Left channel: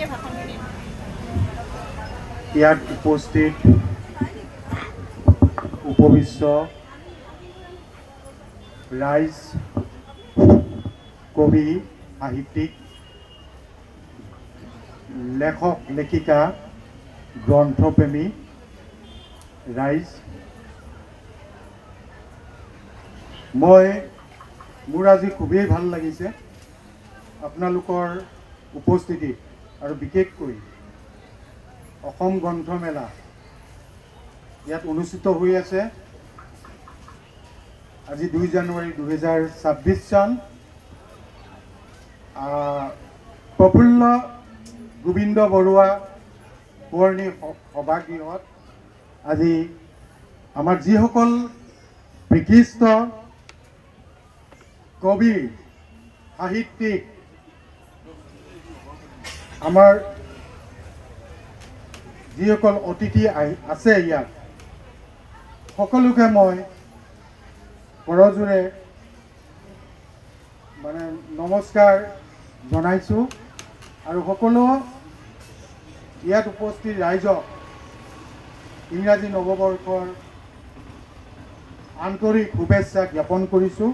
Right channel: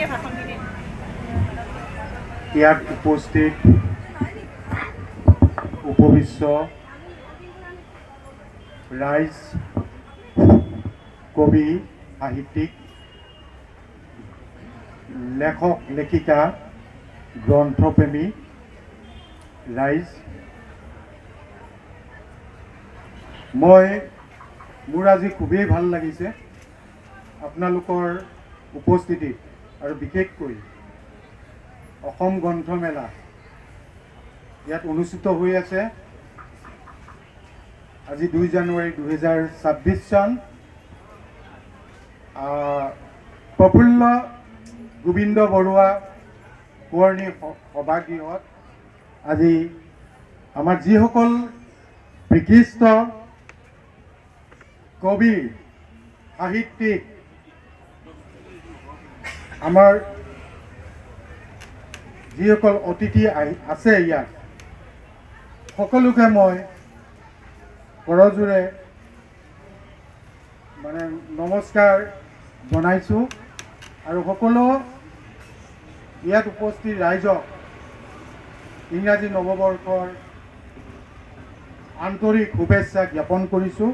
এতিয়া ভাষণখিনি ইয়াত উপস্থিত উপবিশ্ব ৰাইজ, কবি, সাহিত্যিক, লেখক লেখিকা, গ্ৰন্থপ্ৰেমী ৰাইজ, মোৰ আজি খুবেই ভাল লাগিছে আপোনালোকৰ উপস্থিতিত, আৰু বিশেষকৈ অসম গ্ৰন্থমেলা ইয়াত অনুষ্ঠিত হৈ আছে। আজি 2 জানুৱাৰী 2026 চন। প্ৰফুল্ল গোবিন্দ বৰুৱা সোঁৱৰণী সভাগৃহত আজি আমাৰ যিসকল বিশিষ্ট কবি, সাহিত্যিক, আমাৰ যিসকল অতিথি আছে ইয়াত, সকলোকে মই কৰজোৰে মানে নমস্কাৰ জনাইছোঁ, আৰু সকলো ইয়াত উপস্থিত ৰাইজক ইংৰাজী নৱবৰ্ষৰ আন্তৰিক শুভেচ্ছা জ্ঞাপন কৰিছোঁ।